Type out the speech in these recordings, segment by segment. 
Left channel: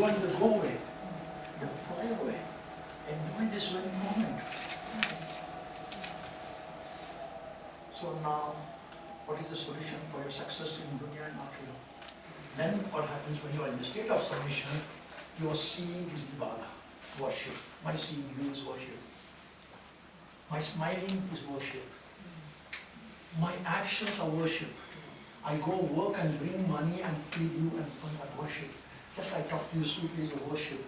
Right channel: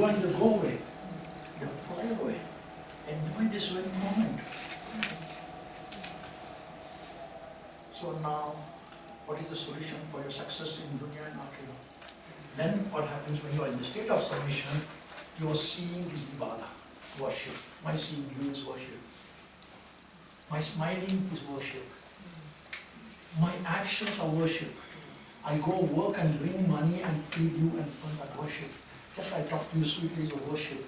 go and they go away. They fly away. Enjoy this very moment. So now, what is the solution for your success in dunya and akhirah? Then what happens when you are in the state of submission, your seeing is ibadah, worship. My seeing you is worship. My smiling is worship. My actions are worship. I go work and bring money and feed you and worship. Just I talk to you sweetly is a worship.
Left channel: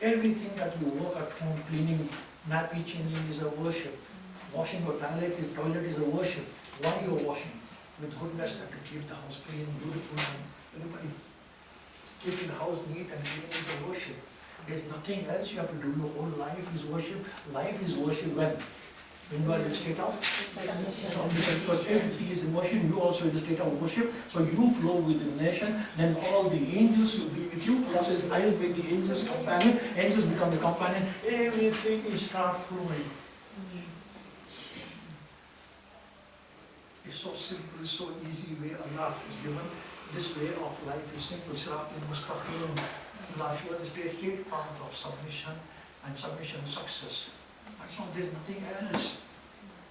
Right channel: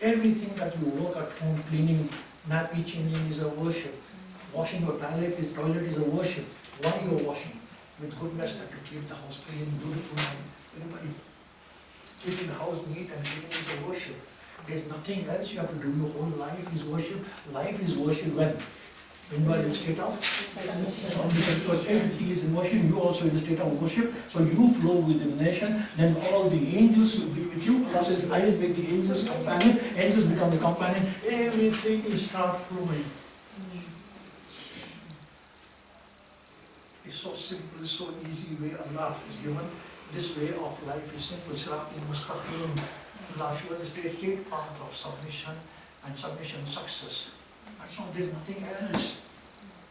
Everything that you work at home, cleaning, nappy changing is a worship. Washing your toilet is a worship. Why you are washing? With goodness that to keep the house clean, beautiful, and everybody. Keeping the house neat and clean is a worship. There's nothing else you have to do. Your whole life is worship. Life is worship when you are in a state of submission, because everything is in worship, you also in a state of worship, so you flow with the nation, then all the angels will be with you. Allah says, I will make the angels companion, angels become the companion, everything is start flowing. It's so simple, it's so easy way Allah has given. This way of life is simple. Siratul Mustaqim. Allah shows the state path of submission and submission success. That's all, there's nothing else.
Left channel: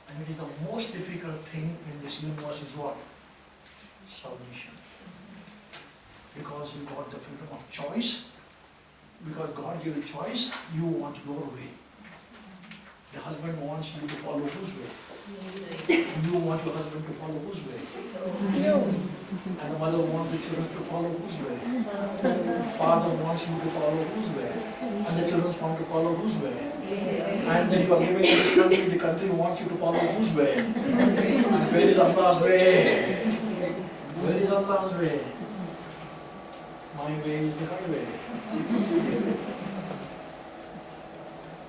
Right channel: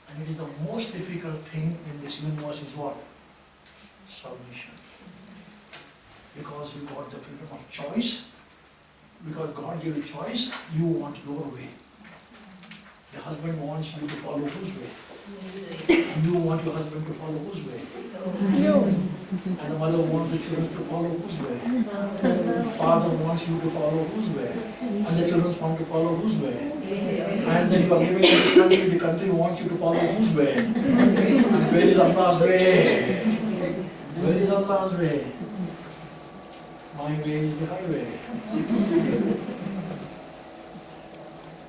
And it is the most difficult thing in this universe is what? Submission. Because you got the freedom of choice, because God gave you choice, you want your way. The husband wants you to follow whose way? You want your husband to follow whose way? And the mother wants the children to follow whose way? Father wants you to follow whose way? And the children want to follow whose way? And then you are living in this country, the country wants you to follow whose way? And where is Allah's way? Where is Allah's way? My way is the highway.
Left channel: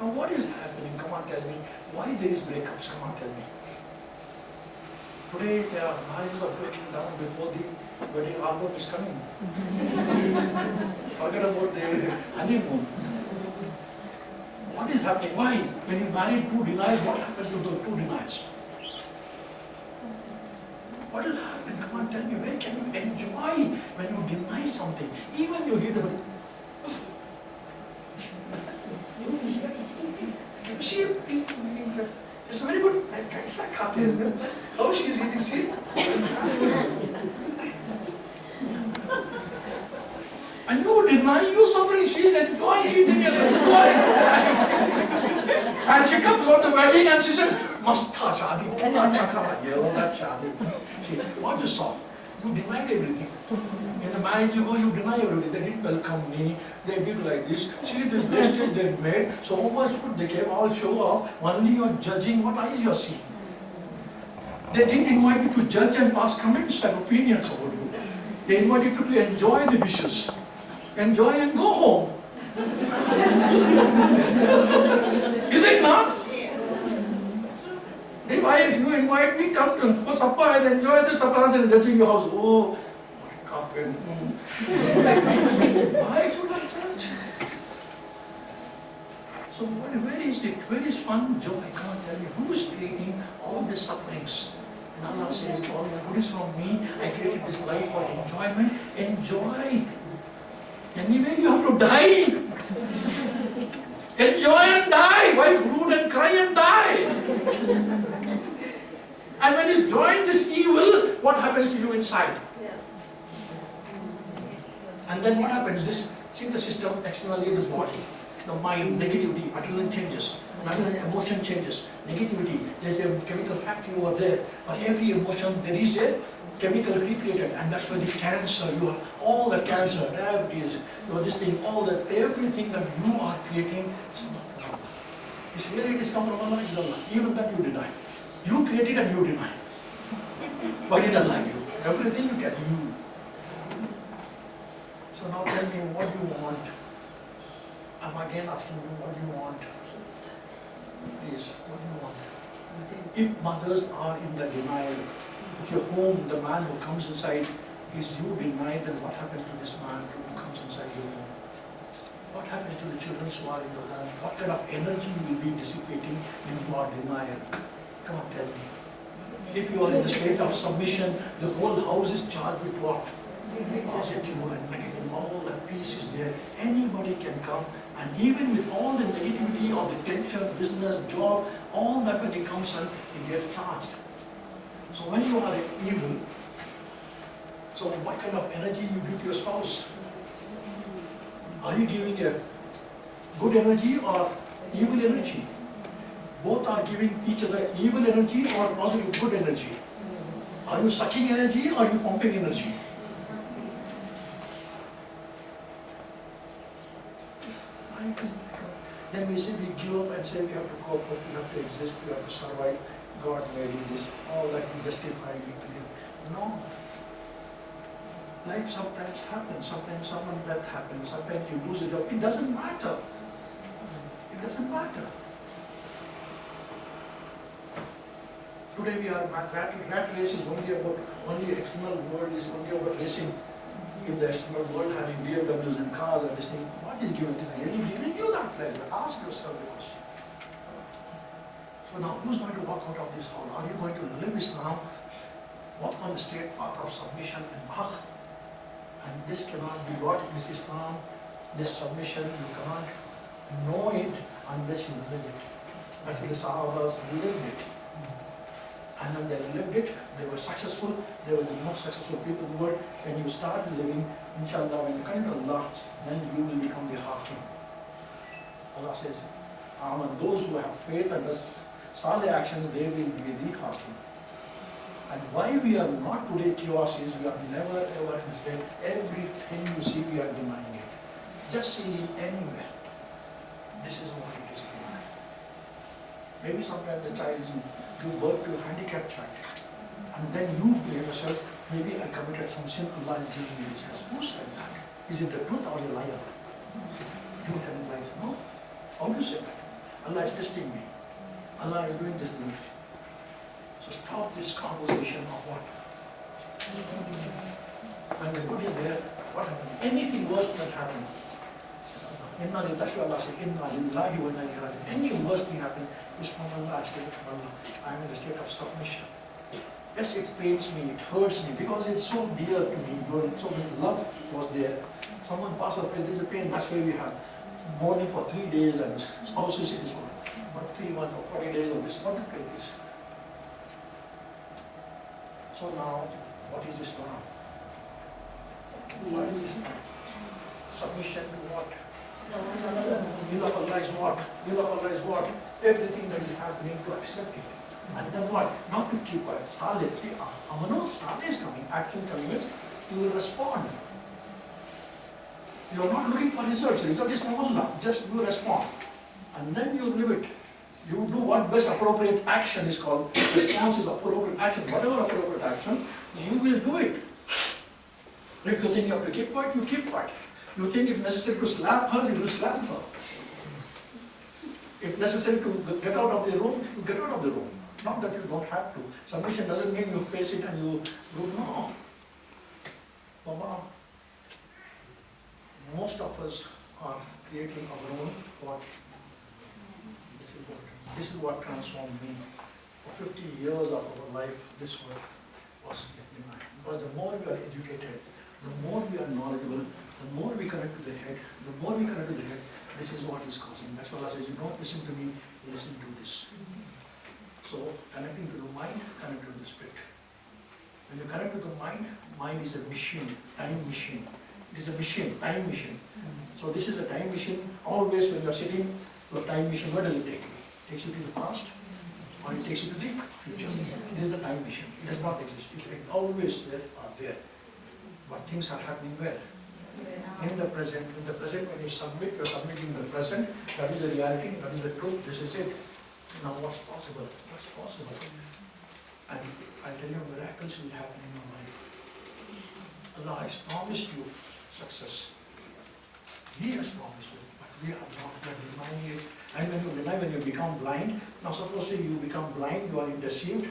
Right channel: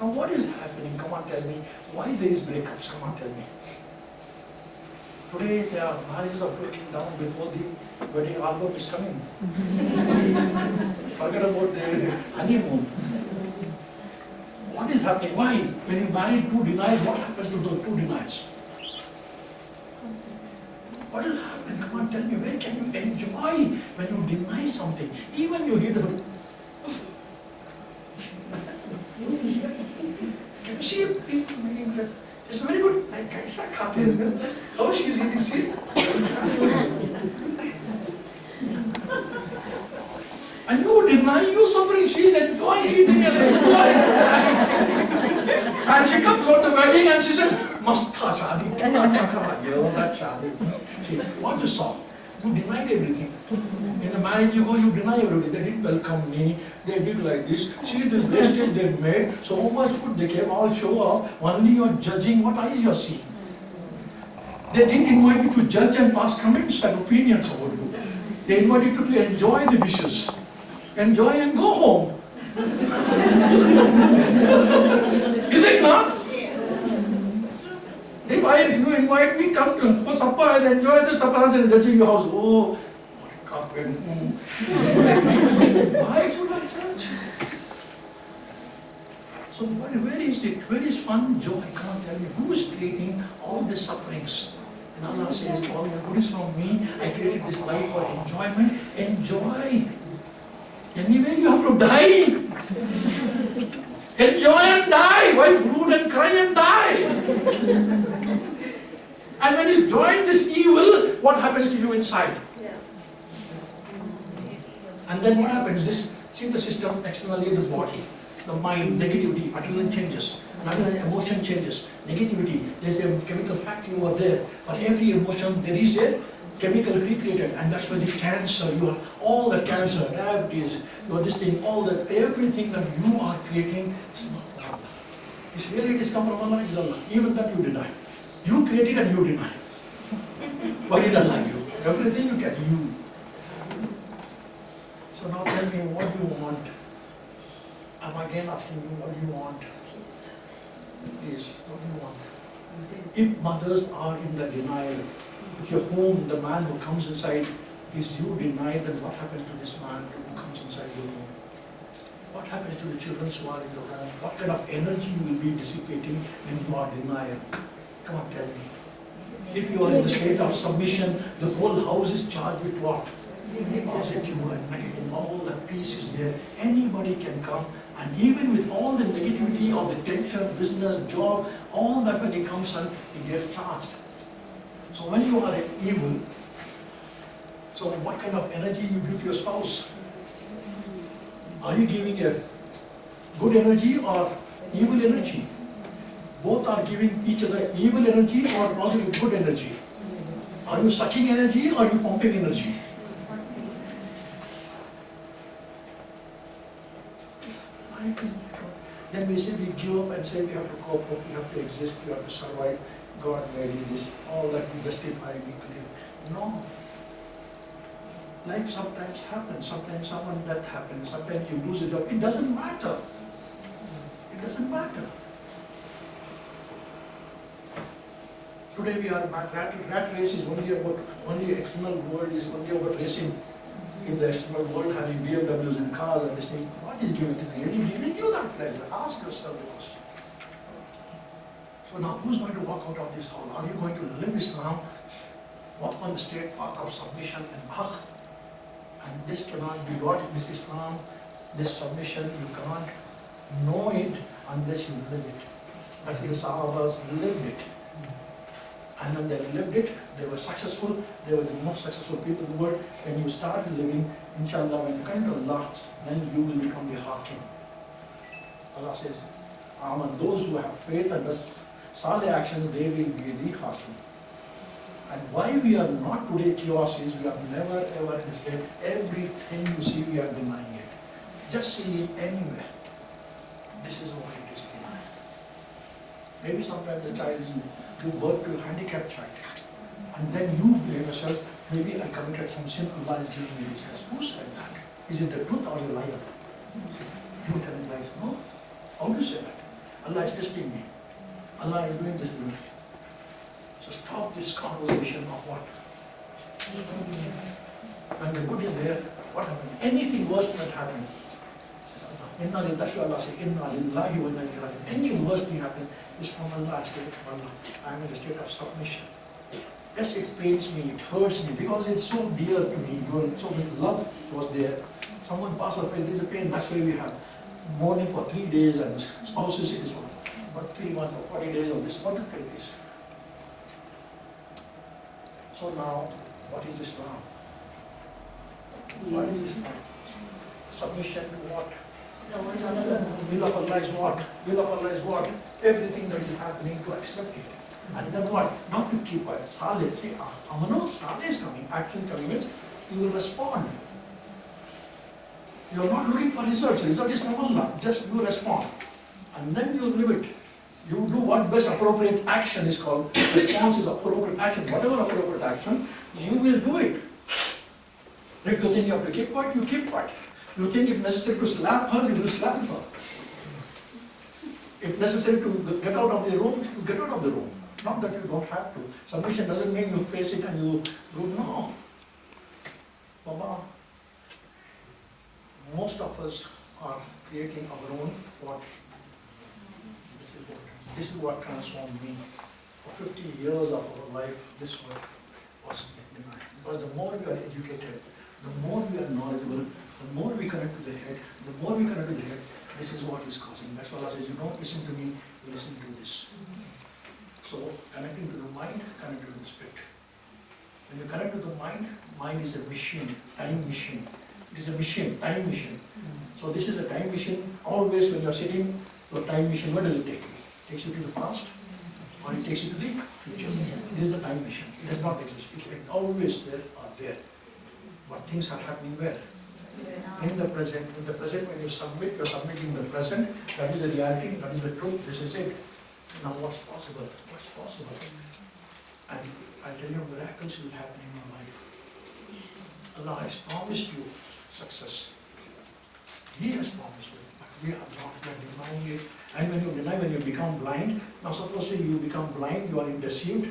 Now what is happening? Come on, tell me. Why there is breakups? Come on, tell me. Today, their marriages are breaking down before the wedding album is coming. Forget about the honeymoon. What is happening? Why? When you marry two deniers, what happens to those two deniers? What will happen? Come on, tell me. Where can you enjoy when you deny something? Even you hear the... Can you see people making friends? It's very good. How she is eating, see? And you deny, you suffering, she is enjoying eating and enjoying. And she comes on the wedding and she says, Masta shadi, kitna acha kha, yo, that shadi. See, what you saw? You denied everything. In the marriage you go, you deny everything. They didn't welcome me, they did like this. See the wastage they made, so much food they came, all show off. Only you are judging, what eyes you are seeing. They didn't invite you to judge and pass comments and opinions about you. They invited you to enjoy the dishes. Enjoy and go home. Is it not? If you invite me, come to for supper and enjoy the supper and then judging your house. Oh, what a carpet. Why should I judge? So where is it? Where is fun, joy? Come on, tell me. Who is creating all the sufferings? And Allah says, all the good is from me. I created this life for enjoyment. Enjoy. Anyway, you have to die. Enjoy and die. Why brood and cry and die? And when you join this evil, what happens to you inside? And then what happens? See the system externally, the body, the mind, negativity, adrenaline changes, another emotion changes, negativity. There's a chemical factory over there. For every emotion, there is a chemical recreated, and that's where the cancer, you are all the cancer, diabetes, you are this thing, all that, everything that you are creating is not from Allah. It's really, it is come from Allah, is Allah. Even that you deny. You create it and you deny. Why did Allah give you? Everything you get, you. So now tell me what you want. I'm again asking you what you want. Please, what do you want? If mothers are in the denial, if your home, the man who comes inside, is you denied, then what happens to this man who comes inside your home? What happens to the children who are in the home? What kind of energy you will be dissipating when you are denial? Come on, tell me. If you are in the state of submission, the whole house is charged with what? Positive and negative. All the peace is there. there, anybody can come, and even with all the negativity of the tension, business, job, all that when it comes on, it gets charged. So when you are evil, so what kind of energy you give to your spouse? Are you giving a good energy or evil energy? Both are giving each other evil energy or positive good energy. Are you sucking energy or are you pumping energy? Then we say we give up and say we have to cope up, we have to exist, we have to survive. God made this, all that we justify, we claim. No. Life sometimes happens, sometimes someone death happens, sometimes you lose a job. It doesn't matter. It doesn't matter. Today we are rat race is only external world is only about racing in the external world, having BMWs and cars and this thing. What is giving? It is really giving you that pleasure. Ask yourself the question. So now who's going to walk out of this hall? Are you going to live Islam, walk on the straight path of submission and akh? And this cannot be got, this Islam, this submission, you cannot know it unless you live it. That's why the Sahabas lived it. And when they lived it, they were successful, they were the most successful people in the world. When you start living, inshallah, when you come to Allah, then you will become the Hakim. Allah says, Aman, those who have faith and does salih actions, they will be the Hakim. And why we are not today chaos is we are never ever in this day. Everything you see, we are denying it. Just see it anywhere. This is what it is. Maybe sometimes the child is give birth to a handicapped child. And then you blame yourself, maybe I committed some sin, Allah is giving me this. Who said that? Is it the truth or a liar? You telling lies? No. How do you say that? Allah is testing me. Allah is doing this to me. So stop this conversation of what? When the good is there, what happens? Anything worse that happens. That's why Allah says, Inna lillahi wa inna ilaihi raji'un. Any worse thing happens is from Allah, I stay from Allah. I am in a state of submission. Yes, it pains me, it hurts me, because it's so dear to me. So much love was there. Someone passed away, there's a pain. That's why we have mourning for 3 days and spouses it is for about 3 months or 40 days of this. What to pay this? So now, what is Islam? What is Islam? Submission to what? Will of Allah is what? Will of Allah is what? Everything that is happening to accept it. And then what? Not to keep quiet. Saleh, see, Amano, Saleh is coming, action coming means you will respond. You are not looking for results. Result is from Allah. Just you respond. And then you live it. You do what best appropriate action is called. Response is appropriate action. Whatever appropriate action, you will do it. If you think you have to keep quiet, you keep quiet. You think if necessary to slap her, you will slap her. If necessary to get out of the room, you get out of the room. Not that you don't have to. Submission doesn't mean you face it and you go, no. Baba, most of us are creating our own what? This is what transformed me. For 50 years of our life, this was denied. Because the more we are educated, the more we are knowledgeable, the more we connect to the head, this is what is causing. That's why Allah says, you don't listen to me, you listen to this. So, connecting to the mind, connect to the spirit. When you connect to the mind, mind is a machine, time machine. It is a machine, time machine. So this is a time machine. Always when you are sitting, your time machine, where does it take you? It takes you to the past, or it takes you to the future. It is the time machine. It does not exist. It's always there or there. But things are happening where? In the present. In the present, when you submit, you are submitting the present. That is the reality, that is the truth, this is it. Now what's possible? What's possible? And I tell you, miracles will happen in your life. Allah has promised you success. He has promised you, but we are not denying it. And when you deny, when you become blind, now suppose you become blind, you are deceived,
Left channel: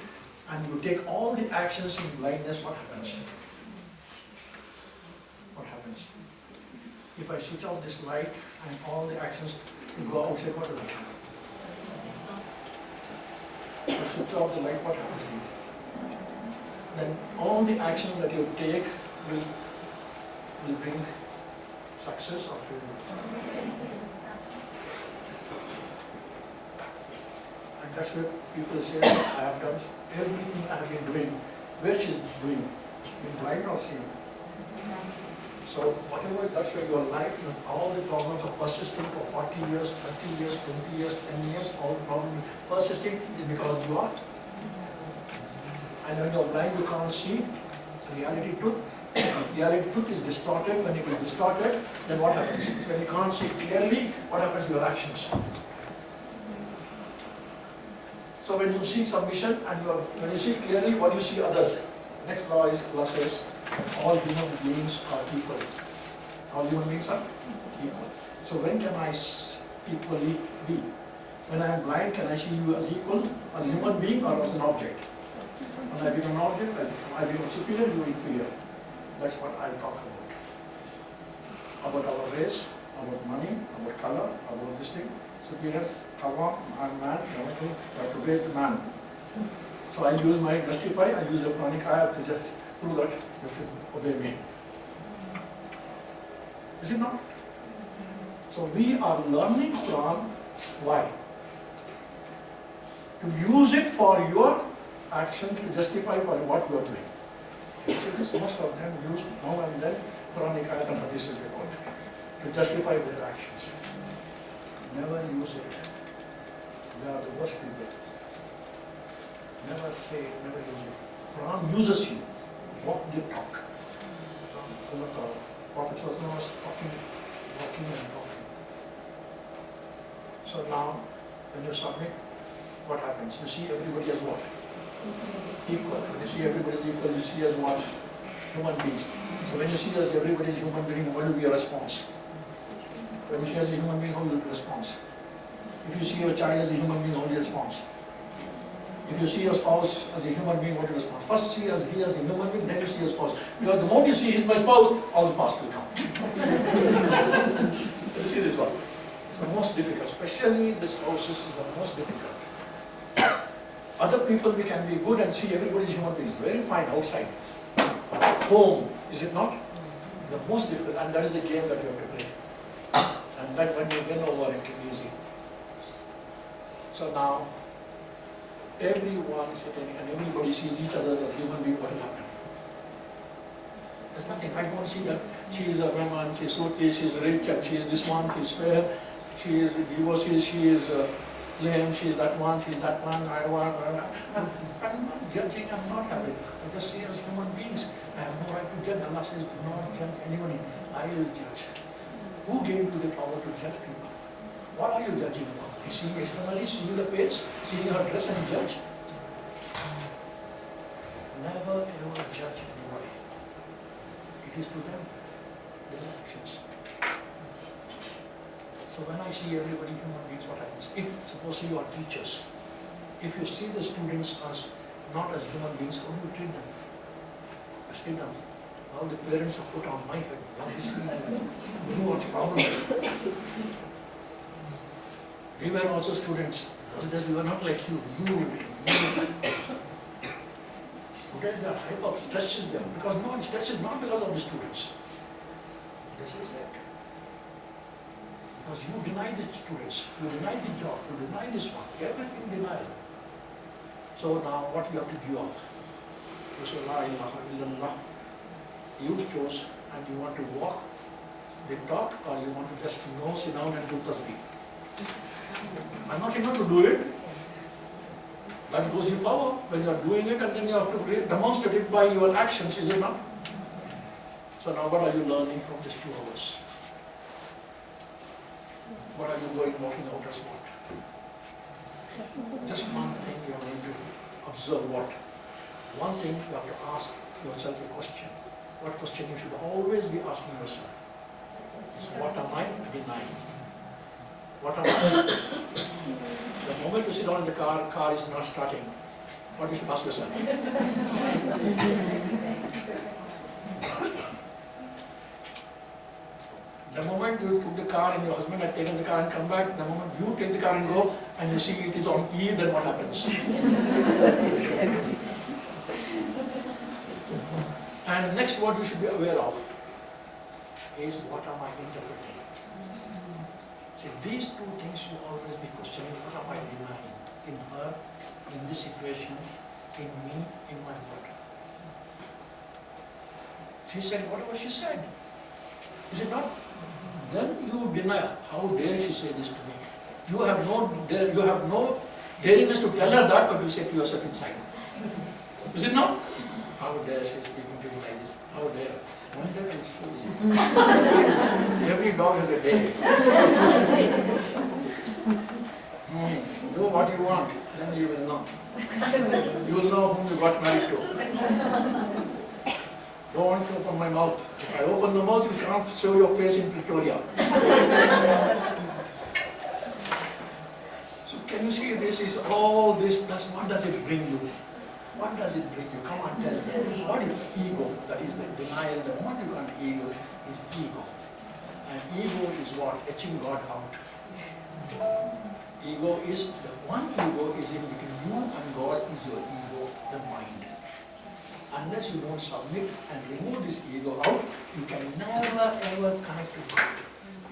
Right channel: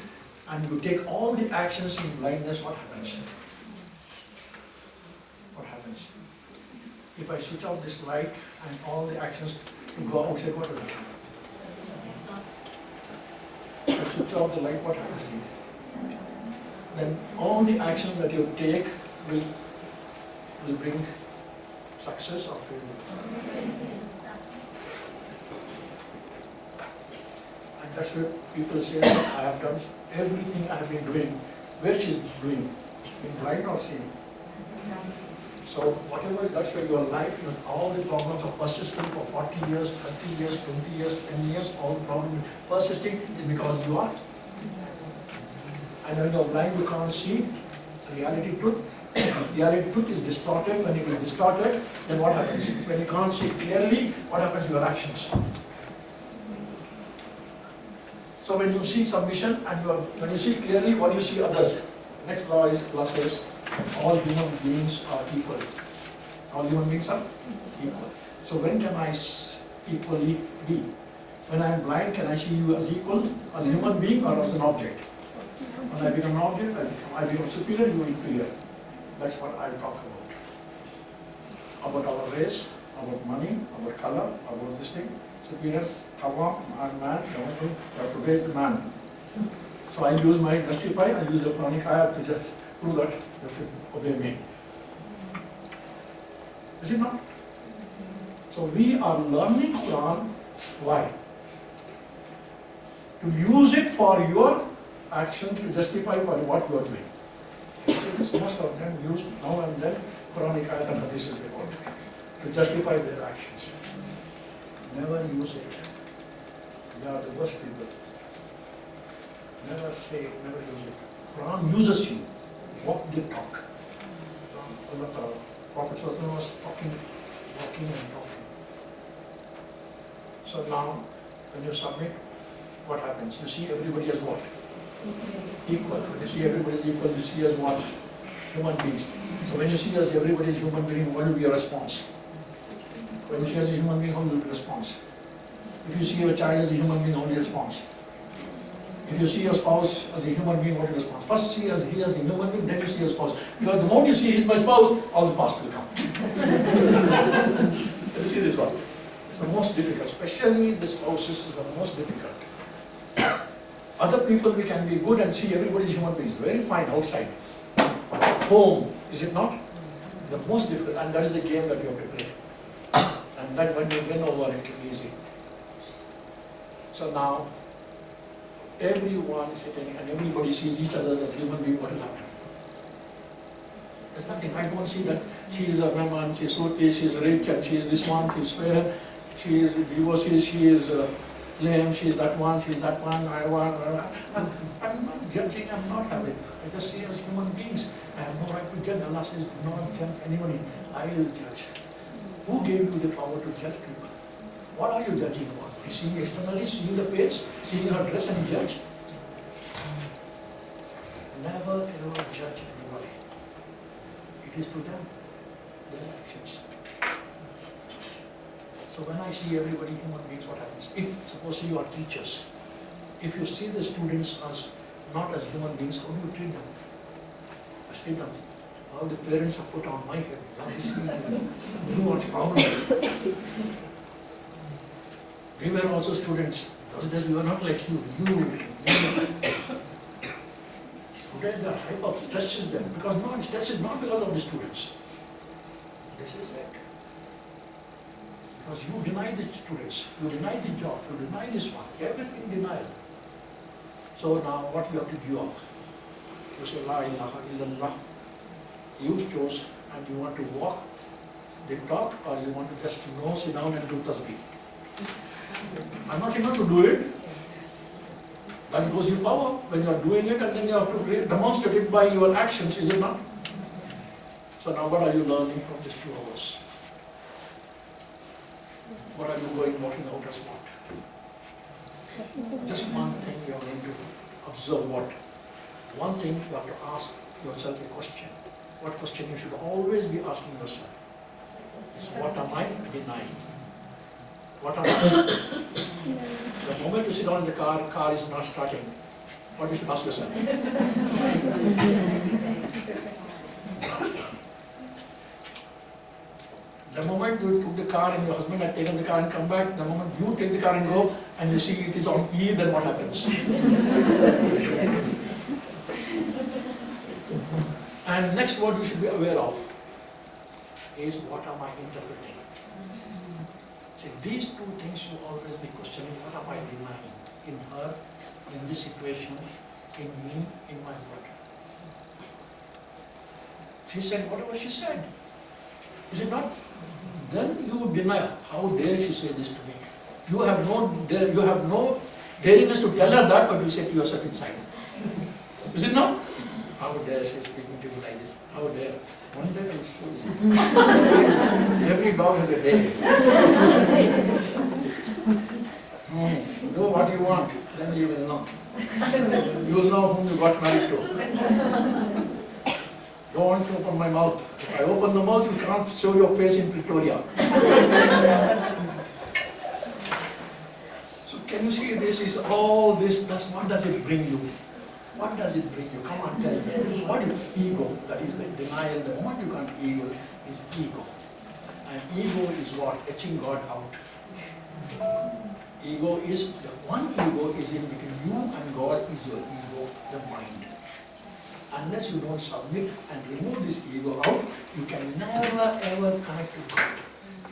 and you take all the actions in blindness, what happens? What happens? If I switch off this light and all the actions to go outside, what will happen? If I switch off the light, what happens? Then all the actions that you take will bring Success or failure? And that's where people say, I have done everything I have been doing. Where she's doing? Being blind or seeing? So whatever, that's where your life, all the problems of persisting for 40 years, 30 years, 20 years, 10 years, all the problems persisting is because you are. And when you're blind, you can't see reality truth. Reality truth is distorted. When it is distorted, then what happens? When you can't see clearly, what happens to your actions? So when you see submission and when you see clearly, what do you see others? Next law says, all human beings are equal. All human beings are equal. So when can I equally be? When I am blind, can I see you as equal, as a human being or as an object? When I become an object, I become superior, you inferior. That's what I talk about. About our race, about money, about color, about this thing. Superior, Hawa, man, you have to obey the man. So I use my justify, I use the chronic ayah to just prove that you should obey me. Is it not? So we are learning Quran. Why? To use it for your action, to justify for what you are doing. So this, most of them use now and then Quranic ayat and hadith to justify their actions. Never use it. They are the worst people. Never say it, never use it. Quran uses you. Walk the talk. Prophet was talking, walking and talking. So now, when you submit, what happens? You see everybody as what? Equal. When you see everybody as equal, you see as what? Human beings. So when you see as everybody as human being, what will be your response? When you see as a human being, how will your response? If you see your child as a human being, how will your response? If you see your spouse as a human being, what will your response? First see as he as a human being, then you see your spouse. Because the moment you see he's my spouse, all the past will come. You see this one? It's the most difficult, especially the spouses is the most difficult. Other people we can be good and see everybody is human beings, very fine outside. Home, is it not? The most difficult, and that is the game that you have to play. And that when you win over, it can be easy. So now, everyone sitting and everybody sees each other as human being, what will happen? There's nothing. I don't see that she is a woman, she is Suti, she is rich, and she is this one, she is fair, she is divorced, she is lame, she is that one, she is that one, I'm not judging, I'm not having. I just see as human beings. I have no right to judge. Allah says, do not judge anybody. I will judge. Who gave you the power to judge people? What are you judging about? Seeing externally, seeing the face, seeing her dress and judge? Never ever judge anybody. It is to them, their actions. So when I see everybody human beings, what happens? If, suppose you are teachers, if you see the students as not as human beings, how do you treat them? I treat them. All the parents have put on my head. You what's the problem? We were also students. We were not like you. Students are hyper, stresses them. Because no, stress is not because of the students. This is it. Because you deny the students, you deny the job, you deny this one, everything denial. So now what you have to give up? You say, La ilaha illallah. You chose and you want to walk, they talk, or you want to just sit down and do tasbih. I'm not saying not to do it. That goes in power when you are doing it, and then you have to demonstrate it by your actions, is it not? So now what are you learning from these 2 hours? What are you walking out as what? Just one thing you are going to observe what? One thing you have to ask yourself a question. What question you should always be asking yourself is, what am I denying? What am I? The moment you sit down in the car is not starting. What you should ask yourself? The moment you took the car and your husband had taken the car and come back, the moment you take the car and go and you see it is on E, then what happens? And next what you should be aware of. is what am I interpreting? See, these two things you always be questioning, what am I denying in her, in this situation, in me, in my heart. She said whatever she said. Is it not? Then you deny, how dare she say this to me? You have no dariness to tell her that, but you say to yourself inside. Is it not? How dare she speaking to you like this? How dare? One day I will show you. Every dog has a day. Do what you want, then you will know. You will know whom you got married to. Don't want to open my mouth. If I open the mouth, you can't show your face in Pretoria. So can you see this is all this, what does it bring you? What does it bring you? Come on, tell me. What is ego? That is the denial. The moment you can't ego is ego. And ego is what? Etching God out. Ego is, the one ego is in between you and God is your ego, the mind. Unless you don't submit and remove this ego out, you can never ever connect to God.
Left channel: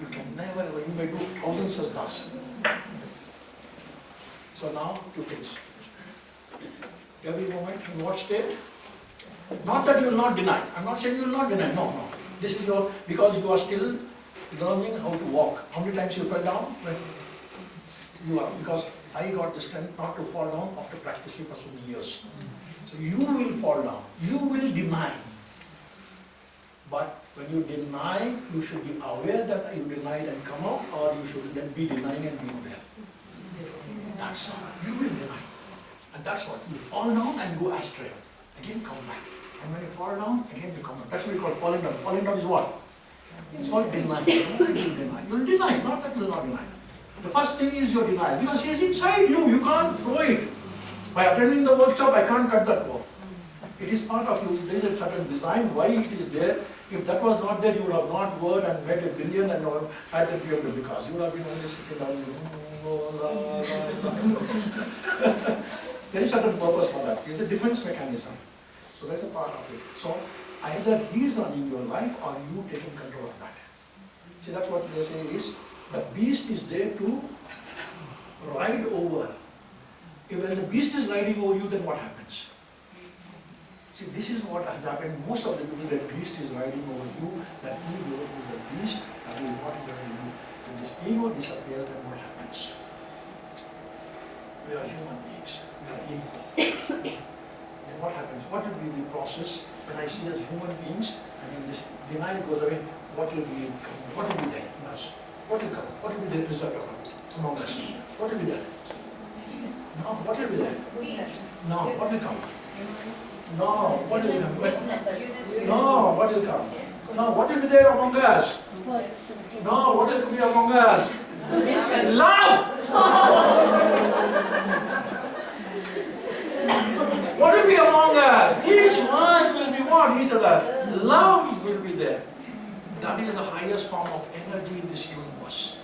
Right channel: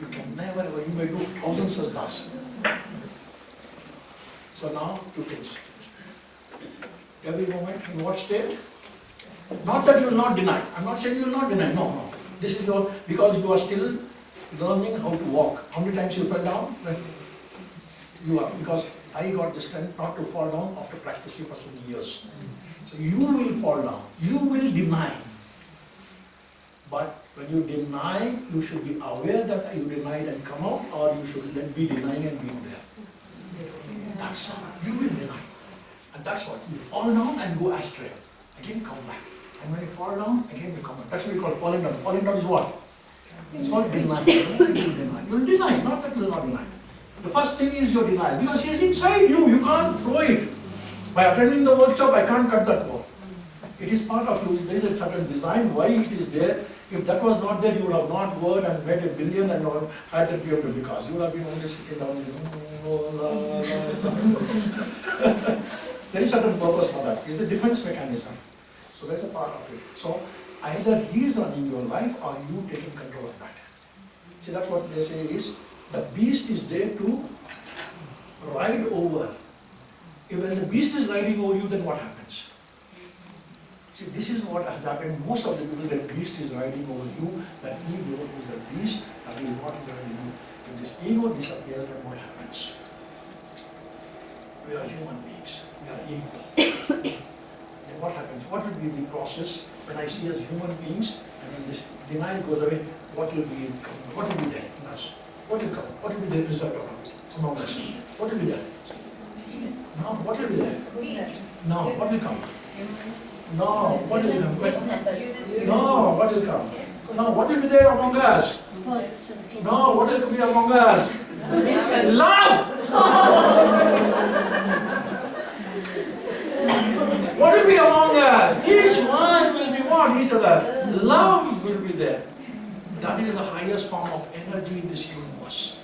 You can never ever, you may do thousands of thus. So now, two things. Every moment, in what state? Not that you will not deny. I'm not saying you will not deny. No, no. This is your, because you are still learning how to walk. How many times you fell down? You are, because I got the strength not to fall down after practicing for so many years. So you will fall down. You will deny. But when you deny, you should be aware that you denied and come out, or you should then be denying and being there. That's how you will deny. And that's what, you fall down and go astray. Again come back. And when you fall down, again you come back. That's what we call falling down. Falling down is what? It's called denying. You will deny. You will deny, not that you will not deny. The first thing is your denial, because he is inside you. You can't throw it. By attending the workshop, I can't cut that wall. It is part of you. There is a certain design why it is there. If that was not there, you would have not worked and made a billion and not had the period, because you would have been only sitting down. There is certain purpose for that. It is a defense mechanism. So there is a part of it. So either he is running your life or you taking control of that. See, that's what they say is, the beast is there to ride over. If when the beast is riding over you, then what happens? See, this is what has happened. Most of the people, the beast is riding over you, that ego is the beast, that is what is riding you. When this ego disappears, then what happens? We are human beings. We are ego. Then what happens? What will be the process when I see as human beings, and when this denial goes away, what will be there in us? What will come? What will be the result of it among us? What will be there? No, what will be there? No, what will come? No, what will come? No, what will come? No, what will be there among us? No, what will be among us? Love! What will be among us? Each one will be what? Each other. Love will be there. That is the highest form of energy in this universe.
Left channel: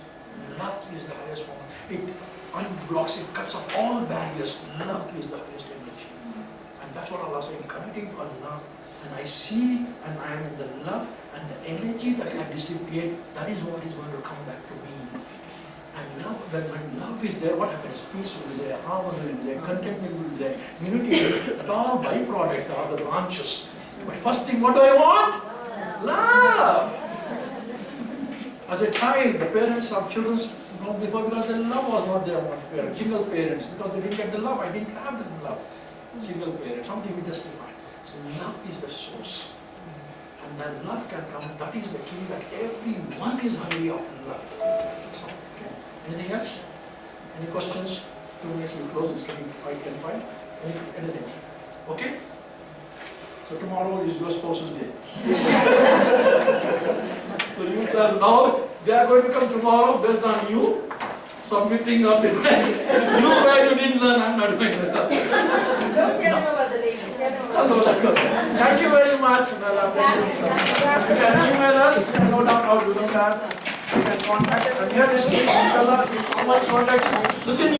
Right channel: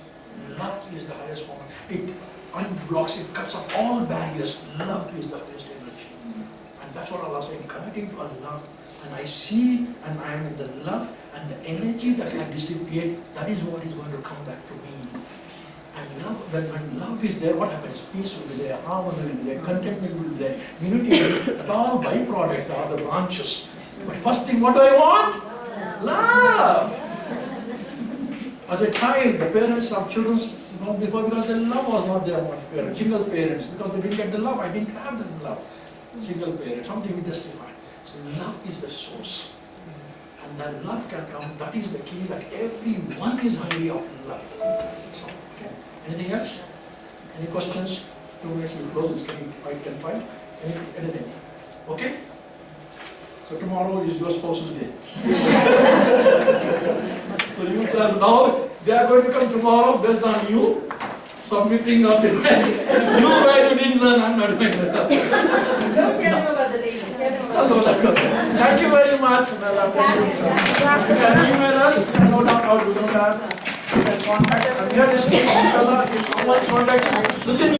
Love is the highest form. It unblocks, it cuts off all barriers. Love is the highest energy. And that's what Allah is saying, connecting to Allah. And I see, and I am in the love, and the energy that I dissipate, that is what is going to come back to me. And love, when love is there, what happens? Peace will be there, harmony will be there, contentment will be there, unity will be there. All byproducts are the branches. But first thing, what do I want? Love! As a child, the parents of children, before, because the love was not there among parents, single parents, because they didn't get the love. I didn't have the love. Single parents, something we justify. So love is the source. And that love can come, that is the key, that everyone is hungry of love. So, okay. Anything else? Any questions? 2 minutes will close, it's getting 5:10. Anything? Okay? So tomorrow is your spouse's day. So you tell now, they are going to come tomorrow based on you submitting of the you where you didn't learn, I'm not going to learn. Don't tell them about the ladies. Thank you very much. You can email us, you can note down how to do that. You can contact us. And here is inshallah, if someone contacts you, listen.